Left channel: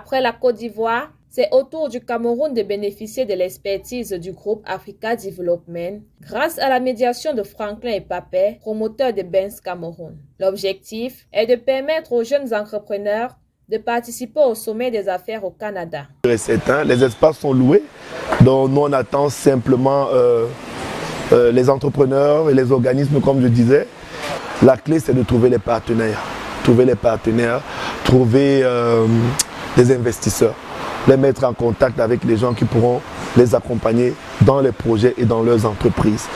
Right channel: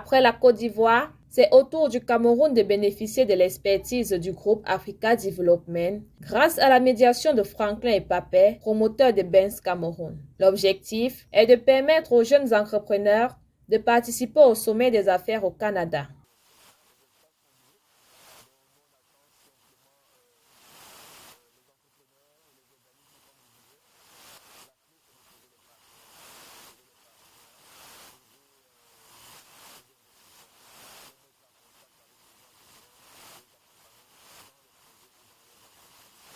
Après la Côte d'Ivoire, c'est au tour du Cameroun de bénéficier de l'expertise du groupe Africa Development grâce à la médiation de Franklin et Papet, promoteurs de Benz Cameroun. L'objectif est de permettre aux jeunes entrepreneurs de participer au sommet des affaires au Canada. Les espaces sont loués, donc nous on attend simplement les entrepreneurs et les organismes comme je disais. La clé c'est de trouver les partenaires, trouver des investisseurs, les mettre en contact avec les gens qui pourront les accompagner dans les projets et dans leurs entreprises.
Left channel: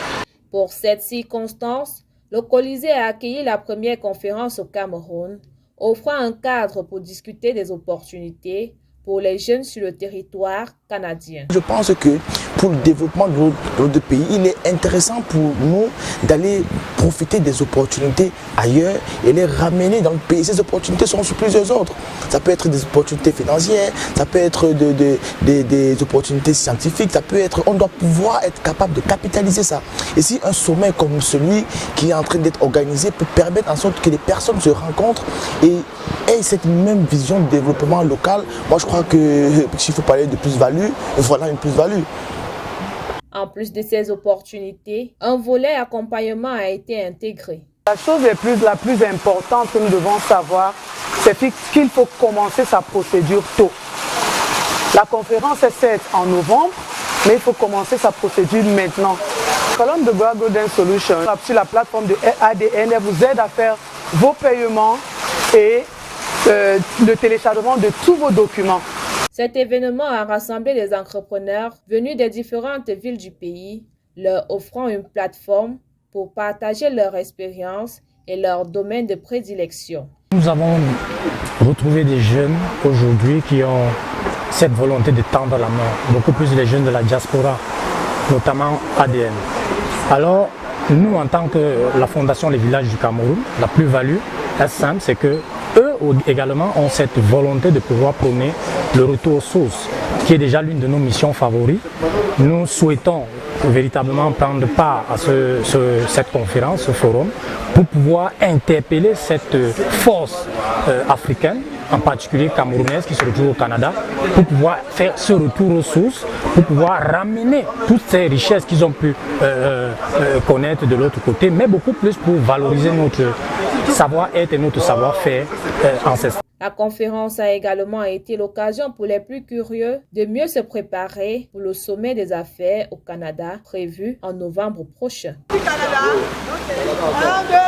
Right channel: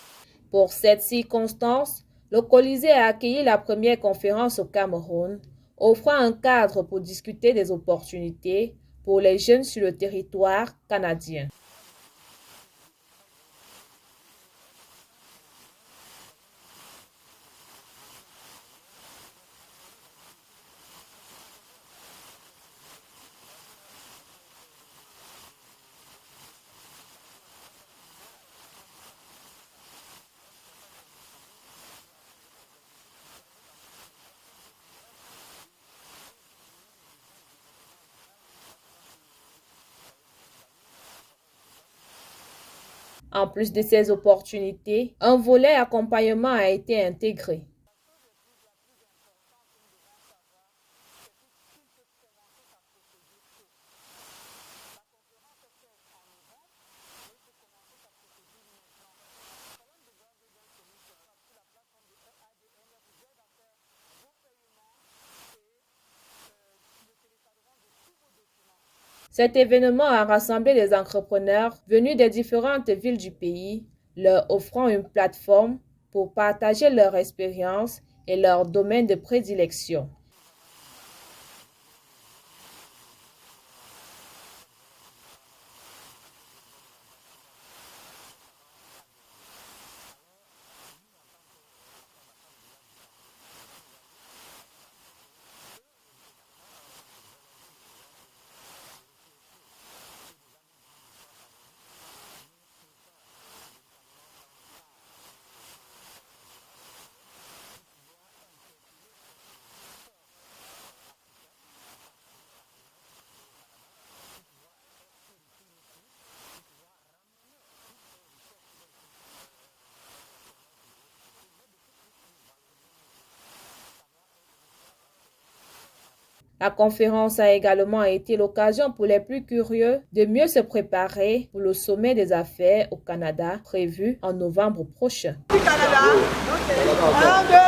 Pour cette circonstance, le Colisée a accueilli la première conférence au Cameroun, offrant un cadre pour discuter des opportunités pour les jeunes sur le territoire canadien. Je pense que pour le développement de notre pays, il est intéressant pour nous d'aller profiter des opportunités ailleurs et les ramener dans le pays. Ces opportunités sont sur plusieurs ordres. Ça peut être des opportunités financières, ça peut être des opportunités scientifiques, on doit pouvoir être capable de capitaliser ça. Et si un sommet comme celui qui est en train d'être organisé peut permettre en sorte que les personnes se rencontrent et aient cette même vision de développement local, moi je crois que s'il faut parler de plus-value, voilà une plus-value. En plus de ces opportunités, un volet accompagnement a été intégré. La chose la plus importante que nous devons savoir, c'est qu'il faut commencer sa procédure tôt. La conférence est certes en novembre, mais il faut commencer sa procédure maintenant. Columbia Golden Solutions, sur la plateforme de ADN, vous aide à faire vos paiements et le téléchargement de tous vos documents. Cet événement a rassemblé des entrepreneurs venus des différentes villes du pays, leur offrant une plateforme pour partager leur expérience et leur domaine de prédilection. Nous avons retrouvé des jeunes aujourd'hui qui ont cette volonté de tendre la main, beaucoup plus les jeunes de la diaspora, notamment ADN. Alors, nous, en tant que la Fondation Les Villages du Cameroun, la plus-value est simple, c'est que eux également ont cette volonté de pouvoir prôner le retour aux sources, qui est déjà l'une de nos missions favorites. Nous souhaitons véritablement prendre part à cette conférence, ce forum, pour pouvoir interpeller cette force africaine, en particulier camerounaise qui se retrouve au Canada, pour pouvoir faire ce retour aux sources, pour pouvoir ramener toutes ces richesses qu'ils ont pu connaître de l'autre côté, mais beaucoup plus pour valoriser notre savoir-être et notre savoir-faire ancestral. La conférence a également été l'occasion pour les plus curieux de mieux se préparer pour le sommet des affaires au Canada prévu en novembre prochain. Canada.